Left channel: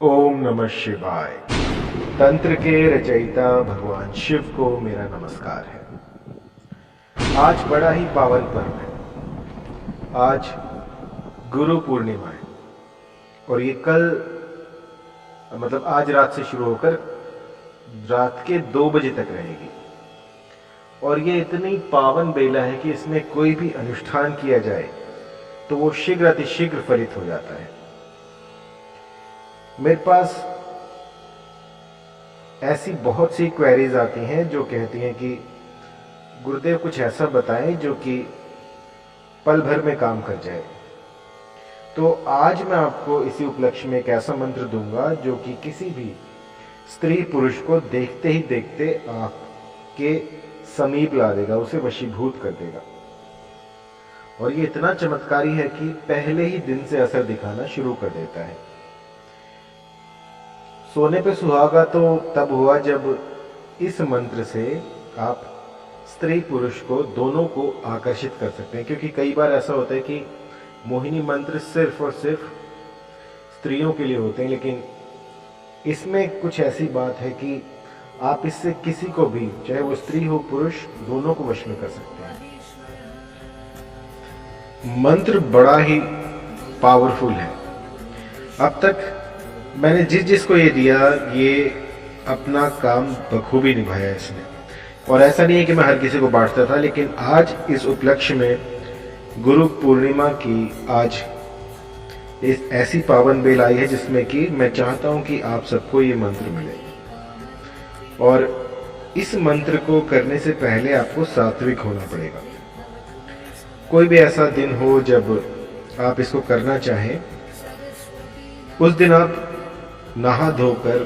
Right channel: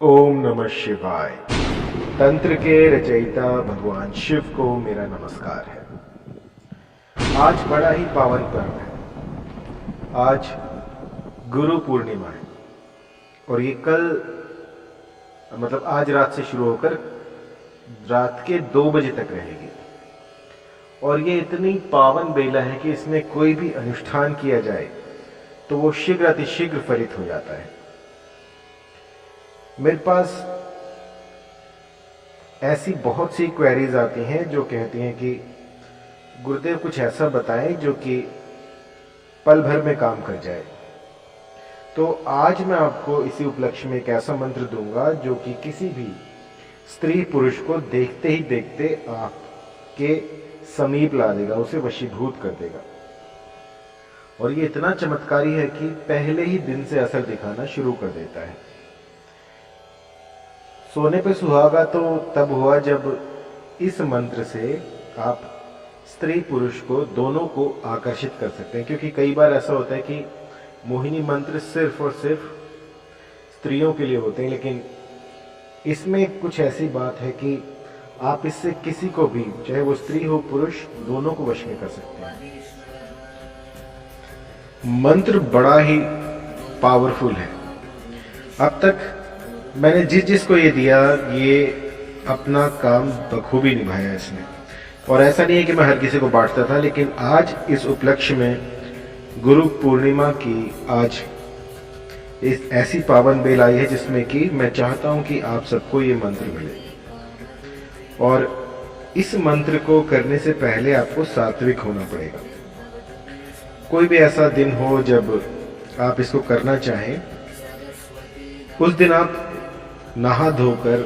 ओम नमः शिवाय। तंत्र के रचयिता भगवान शिव को मेरा नमस्कार है। आज बड़ा ही पावन पर्व है। आज गुरु पूर्णिमा है और ये कल आज रात से शुरू होकर रात के 2 बजे तक रहेगी। और ये इतनी पावन बेला है कि इसमें कोई भी अनुष्ठान किया जाए तो वो शीघ्र अतिशीघ्र फलित हो जाता है। मेरे पास ऐसी बहुत सी क्वेरीज आती हैं जो कहती हैं कि गुरुदेव कुछ ऐसा बताएं जो कि पल भर में काम कर जाए। तो आज मैं आपको इसी उपलक्ष्य में एक ऐसा मंत्र दूंगा जो कि किसी भी स्त्री पुरुष को देखते ही देखते आपके समीप ला देगा, उसे वशीभूत कर देगा। और ये इतना चमत्कारी है कि पहले ही दिन से असर दिखाना शुरू कर देता है। सोने पे सुहागा तो तब हुआ जब इस मंत्र से आप स्त्री पुरुष को दोनों को आकर्षित कर सकते हैं, क्योंकि कई बार ऐसा होता है कि मोहिनी मंत्र सिर्फ और सिर्फ स्त्रियों के लिए होते हैं, लेकिन इसमें कुछ ऐसी बात है कि आप इससे किसी को भी, चाहे वो स्त्री हो पुरुष, दोनों को वश में कर सकते हैं। मंत्र बड़ा ही पावरफुल है। अब तक मैंने जिसको ये दिया, ये अपना काम बखूबी निभाया इसने। और ऐसा नहीं है कि मैं हर किसी को बांटता था, लेकिन आज इस उपलक्ष्य में गुरु पूर्णिमा की आज इस ऐसी पावन बेल आई है जिसमें कि मैं चाहता हूं कि आप सबको ये मंत्र मिले। और इस मंत्र को करने से पहले आपको सात्विक होना पड़ेगा। कोई भी ऐसा दिन हो जब आप इसको करना चाहें, उस दिन आप नहा धोकर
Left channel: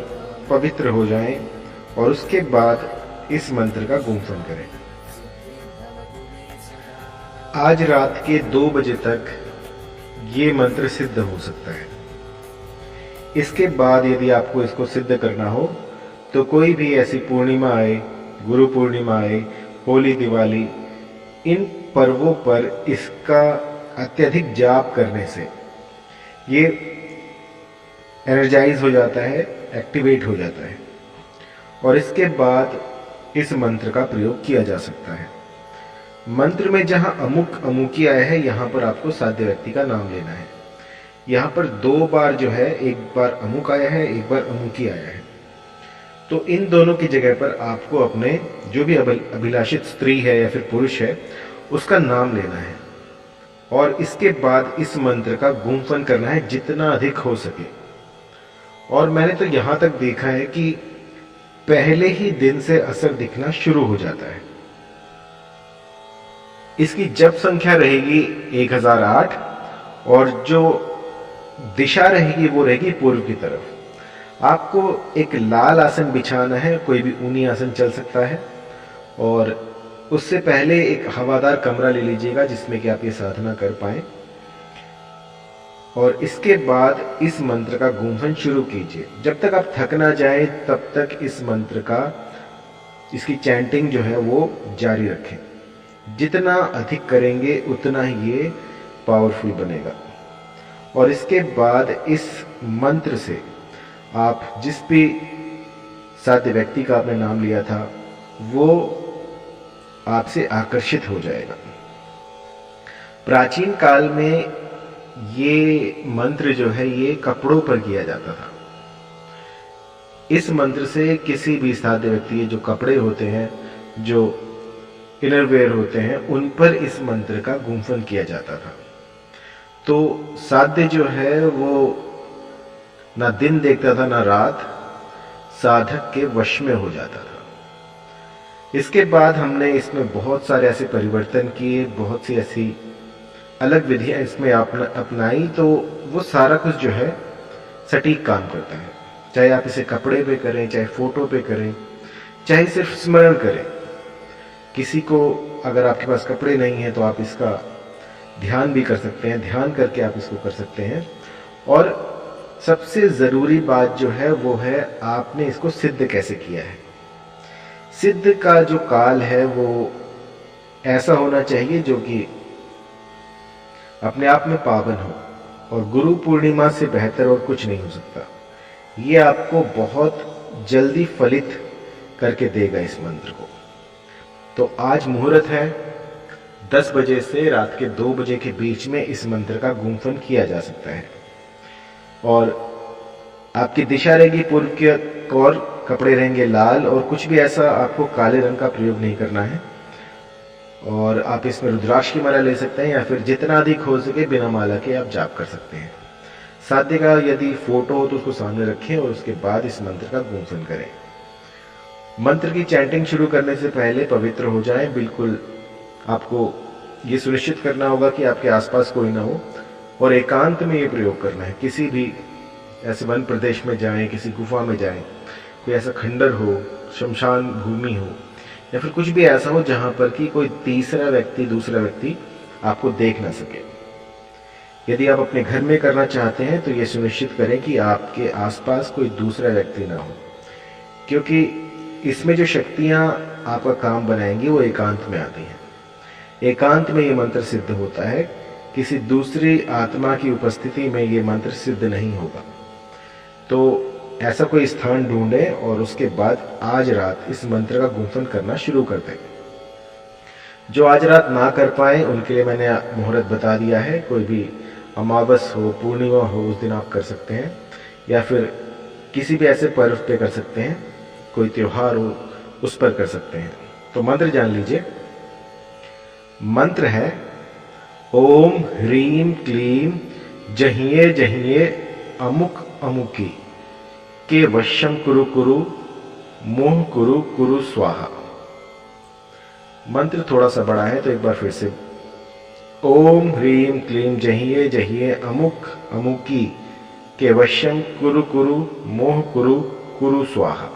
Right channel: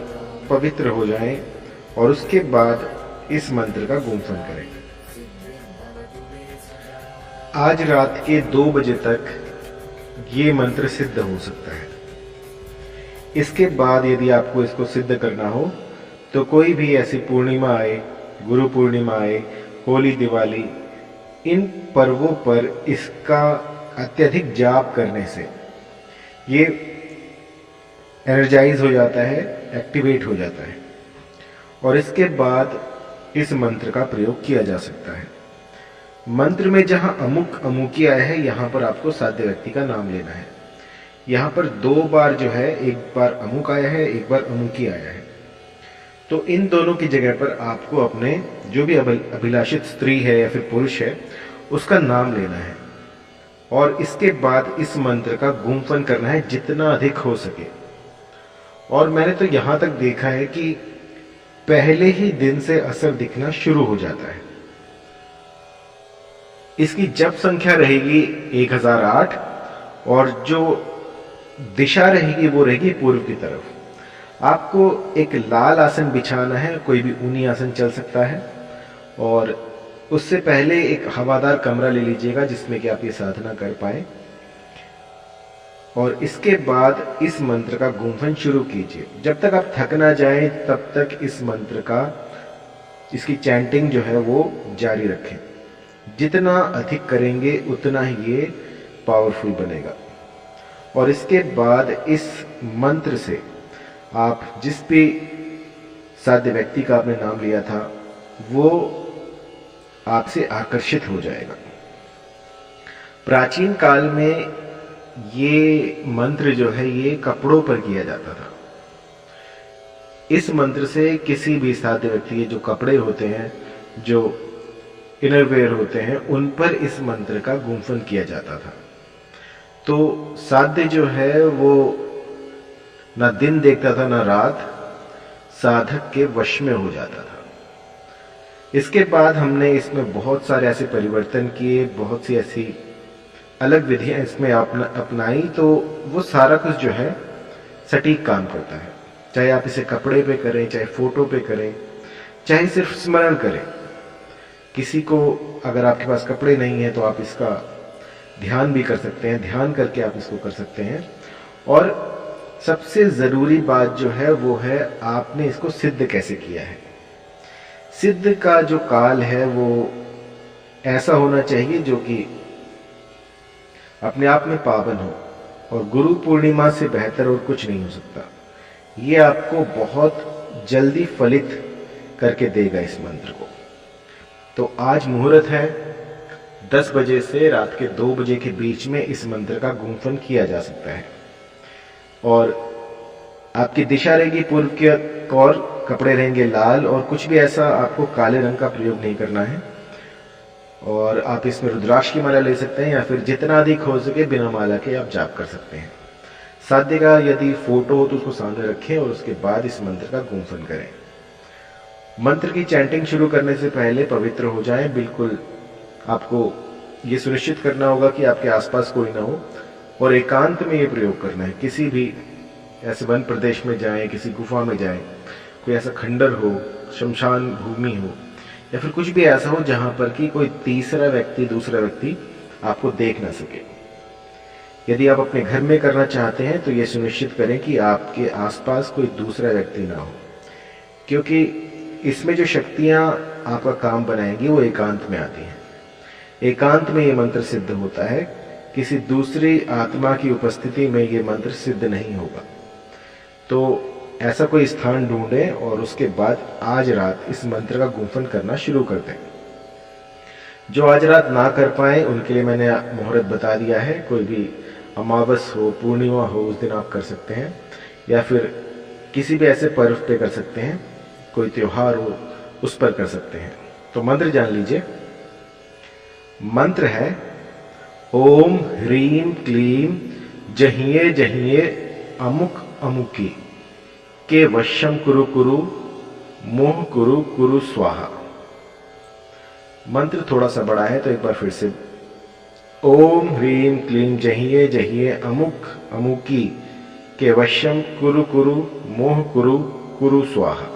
पवित्र हो जाएं और उसके बाद इस मंत्र का गुम्फन करें। आज रात के 2 बजे तक ये मंत्र सिद्ध हो सकता है। इसके बाद यदि आपको इसको सिद्ध करना हो तो कोई भी ऐसी पूर्णिमा आए, गुरु पूर्णिमा आए, होली, दिवाली, इन पर्वों पर इसका अत्यधिक जाप करने से ये एनर्जाइज हो जाता है, एक्टिवेट हो जाता है और इसके बाद इस मंत्र का प्रयोग किया जा सकता है। मंत्र में जहां अमुक अमुकी आया है, यहां पर आपको साध्य व्यक्ति का नाम लेना है। यहां पर 2 बार जो है, एक बार अमुक आया है, एक बार अमुकी आया है। तो इन दोनों की जगह पर आपको अपने जो भी अभिलाषित स्त्री है या फिर पुरुष है, उसका नाम लेना है और इसके बाद इस मंत्र का गुम्फन करना है जितना अधिक हो सके। और मैंने तो यहां तक देखा है कि पहले ही दिन से असर दिखना शुरू हो जाता है। इसकी जप संख्या रहेगी 1008 और जो दिशा रहेगी वो रहेगी पूर्व की तरफ। आपको एक लाल आसन बिछाना है, कोई भी ऊनी आसन चल सकता है। और उससे पहले एक हवादार कमरा ले लीजिएगा जिसमें कि आप ये साधना कर पाए। और इसके बाद इस मंत्र का गुम्फन शुरू कीजिए। जब तक आप थक ना जाएं तब तक इस मंत्र का, इसकी चैंटिंग जो है वो जारी रखें। जितना अधिक करेंगे उतना ही ये पावरफुल बनेगा। और इसके बाद इस मंत्र से आप जिस भी साध्य व्यक्ति का आपने नाम लिया था वो आपसे आकर्षित हो जाएगा। प्राचीन काल में ये मंत्र जो है ये कपड़ों पर किया जाता था। इस मंत्र से किसी भी साध्य व्यक्ति के जो कपड़े होते हैं, जो इनरवेयर होते हैं, उन पर इस मंत्र का गुम्फन किया जाता था। तो साध्य जो है वो ना दिन देखता था ना रात, साधक के वश में हो जाता था। इसके बाद हमने इसमें बहुत सारे ऐसे परिवर्तन किए, बहुत सी ऐसी अलग विधियां इसमें अपनाई, तो वो सारा कुछ जो है सटीक काम करता है। चाहे आप इसे कपड़े पे करें, चाहे फोटो पे करें, चाहे सिर्फ स्मरण करें। किसी को अगर आपके पास कपड़े नहीं हैं तो आप इसका ध्यान भी कर सकते हैं, ध्यान करके आप इसको कर सकते हैं। और सबसे ज़रूरी बात जो है वो है आपने इसको सिद्ध कैसे किया है। सिद्ध का जो काल है वो ऐसा होना चाहिए जो कि अपने आप में पावन हो, और गुरु पूर्णिमा से बेहतर और कुछ नहीं हो सकता। ये आपको बहुत जल्दी फलित करके देगा इस मंत्र को। तो आज मुहूर्त है, 10 बजे से रात के 2 बजे के बीच में इस मंत्र का गुंफन किया जा सकता है। और आपकी दिशा रहेगी पूर्व की ओर, कपड़े रहेंगे लाल, और कुछ भी ऐसा आपको काले रंग का प्रयोग नहीं करना है। और आप इसमें रुद्राक्ष की माला ले सकते हैं, या फिर जितना अधिक हो सके बिना माला के आप जाप कर सकते हैं। साध्य का यदि फोटो हो तो उसको सामने रखें और उसके बाद इस मंत्र का गुंफन करें। मंत्र की चैंटिंग शुरू करने से पहले पवित्र हो जाएं। बिल्कुल आपको ये सुनिश्चित करना होगा कि आपके आसपास कोई ना हो, और एकांत में ये प्रयोग करना है। किसी भी ऐसे वन प्रदेश में जाएं, किसी गुफा में जाएं, कोई ऐसा खंडर हो, शमशान भूमि हो, या फिर कुछ भी ऐसा हो जहां पर कि कोई तीसरा व्यक्ति, दूसरा व्यक्ति आपको देख ना सके। यदि आप अपने घर में करना चाहते हैं तो ये सुनिश्चित करें कि आपके आसपास कोई दूसरा व्यक्ति ना हो, क्योंकि इसमें जो शक्तियां आपका काम बनाएंगी वो एकांत में आती हैं। एकांत में ये मंत्र सिद्ध होता है, किसी दूसरी आत्मा की उपस्थिति में ये मंत्र सिद्ध नहीं होगा। तो ऐसा कोई स्थान ढूंढें और उसके बाद आज रात इस मंत्र का गुंफन करना शुरू कर दें। जो आज रात ना कर पाए उनके लिए मैंने मुहूर्त बता दिया है। कोई भी अमावस हो, पूर्णिमा हो, उस दिन आप कर सकते हैं, या फिर किसी भी ऐसे पर्व पे कर सकते हैं, कोई त्योहार हो उस पर कर सकते हैं। तो मंत्र जान लीजिए। मंत्र है ओम ह्रीम क्लीम जहिए जहिए अमुक अमुकी के वश्यम कुरु कुरु मोह कुरु कुरु स्वाहा। मंत्र थोड़ा सा बड़ा है तो एक बार फिर से, ओम ह्रीम क्लीम जहिए जहिए अमुक अमुकी के वश्यम कुरु कुरु मोह कुरु कुरु स्वाहा।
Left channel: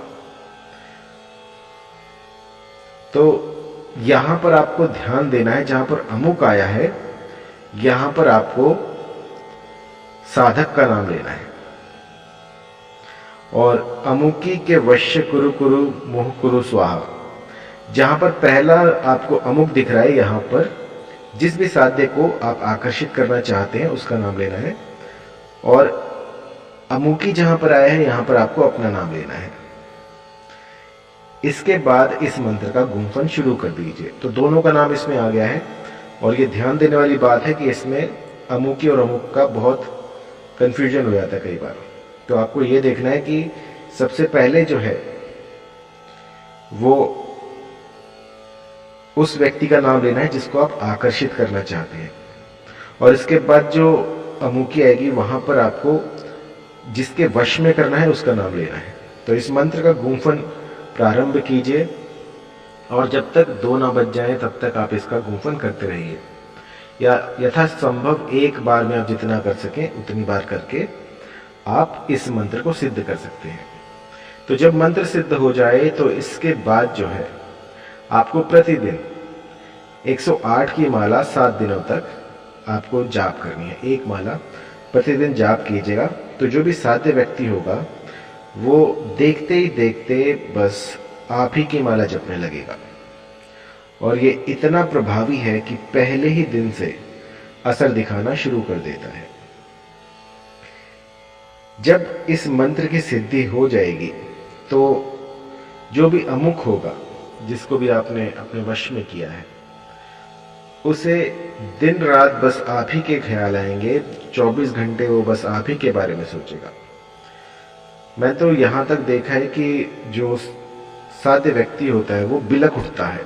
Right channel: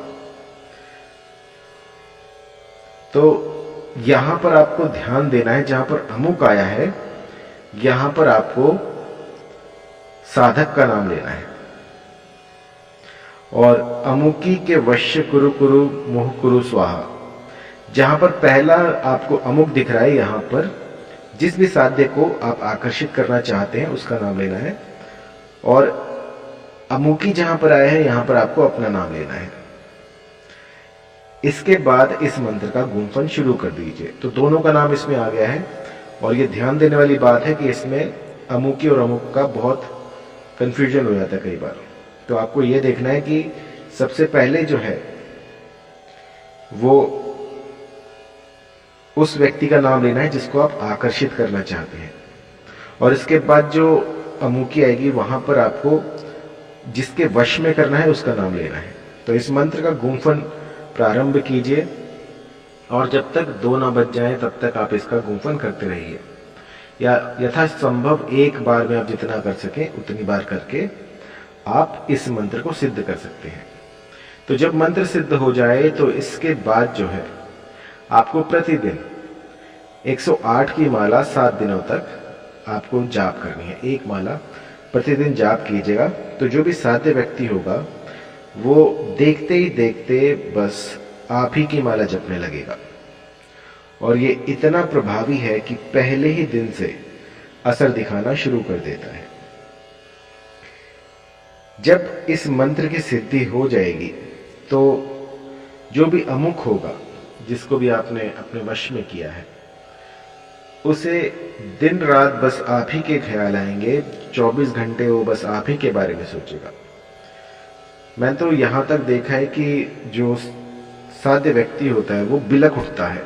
तो यहां पर आपको ध्यान देना है, जहां पर अमुक आया है यहां पर आपको साधक का नाम लेना है, और अमुकी के वश्य कुरु कुरु मोह कुरु स्वाहा, जहां पर पहला आपको अमुक दिख रहा है, यहां पर जिस भी साध्य को आप आकर्षित करना चाहते हैं उसका नाम लेना है, और अमुकी जहां पर आया है यहां पर आपको अपना नाम लेना है। इसके बाद इस मंत्र का गुंफन शुरू कर दीजिए। तो दोनों का नाम इसमें आ गया है, और ये ध्यान देने वाली बात है कि इसमें अमुकी और अमुक का बहुत कंफ्यूजन हो जाता है कई बार। तो आपको ये देखना है कि सबसे पहले जो है वो उस व्यक्ति का नाम लेना है जिसको आप आकर्षित करना चाहते हैं, और इसके बाद जो अमुकी आएगी वहां पर आपको जिसके वश में करना है उसका नाम लेना है। तो इस मंत्र का गुंफन प्रारंभ कीजिए, और जब तक 2 ना बज जाए तब तक आप इसका गुंफन करते रहिए, या यथासंभव एक बार में आप जितना कर सकें उतनी बार करके आप इस मंत्र को सिद्ध कर सकते हैं। तो जब मंत्र सिद्ध हो जाए तो इसके बाद जो है आपको प्रतिदिन 108 की माला 7 दिनों तक आपको जाप करनी है। एक माला प्रतिदिन जाप कीजिएगा, तो जो भी साध्य व्यक्ति होगा वो देखते ही देखते बस आप ही की माला जपने लगेगा, और ये इतना प्रभावी है कि पहले ही दिन से असर दिखाना शुरू कर देता है। जब इस मंत्र की सिद्धि हो जाएगी तो जो भी अमुक होगा, जिसको भी आपने अपने वश में किया है, उसे दिन रात बस आप ही के ख्याल आएंगे। 24 घंटे वो बस आप ही के बारे में सोचेगा। मैं तो यहां तक देखा है कि जो साध्य व्यक्ति होता है वो बिलक उठता है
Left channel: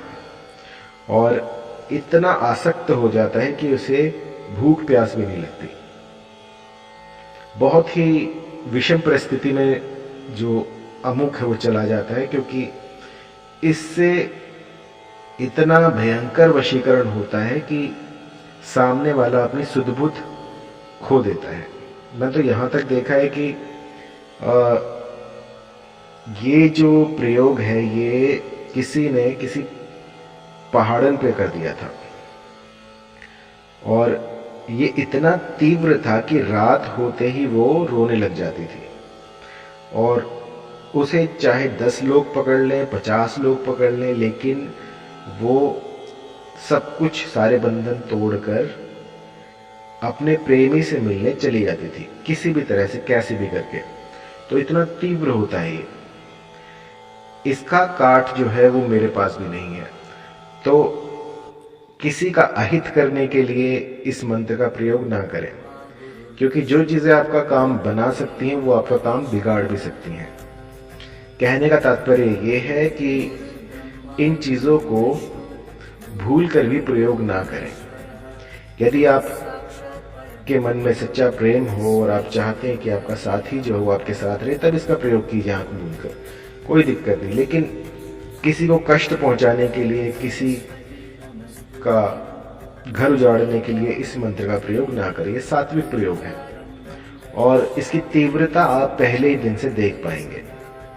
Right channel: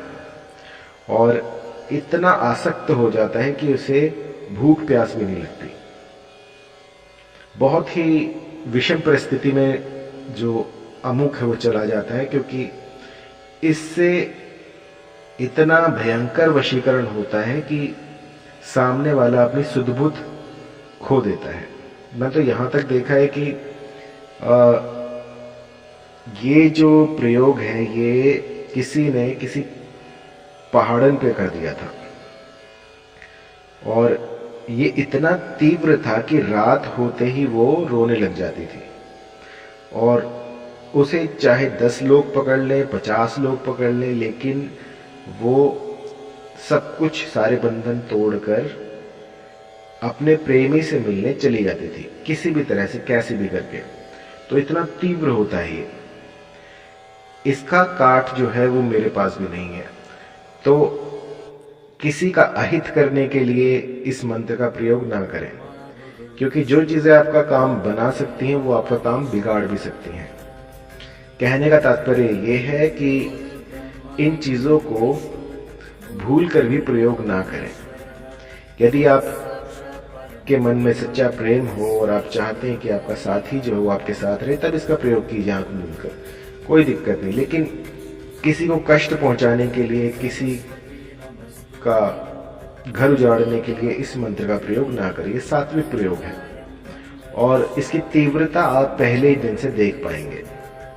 और इतना आसक्त हो जाता है कि उसे भूख प्यास भी नहीं लगती। बहुत ही विषम परिस्थिति में जो अमुक है वो चला जाता है, क्योंकि इससे इतना भयंकर वशीकरण होता है कि सामने वाला अपनी सुध-बुध खो देता है। मैं तो यहाँ तक देखा है कि ये जो प्रयोग है ये किसी ने किसी पहाड़न पे कर दिया था, और ये इतना तीव्र था कि रात होते ही वो रोने लग जाती थी, और उसे चाहे 10 लोग पकड़ लें, 50 लोग पकड़ लें, लेकिन वो सब कुछ, सारे बंधन तोड़कर अपने प्रेमी से मिलने चली जाती थी, किसी भी तरह से, कैसे भी करके। तो इतना तीव्र होता है ये। इसका काट जो है वो मेरे पास भी नहीं है। तो किसी का अहित करने के लिए इस मंत्र का प्रयोग ना करें, क्योंकि जो चीजें आपका काम बना सकती हैं वो आपका काम बिगाड़ भी सकती हैं। कहने का तात्पर्य ये है कि इन चीजों को भूल कर भी प्रयोग ना करें। यदि आप के मन में सच्चा प्रेम हो और आप चाहते हैं कि आपका साथी जो है वो आपके साथ रहे, तब इसका प्रयोग कीजिए आंख मूंद कर, कोई दिक्कत नहीं। लेकिन किसी को कष्ट पहुंचाने के लिए, किसी का घर उजाड़ने के लिए इस मंत्र का प्रयोग ना करें। ये सात्विक प्रयोग है और इसकी तीव्रता आप पहले ही दिन से देख पाएंगे।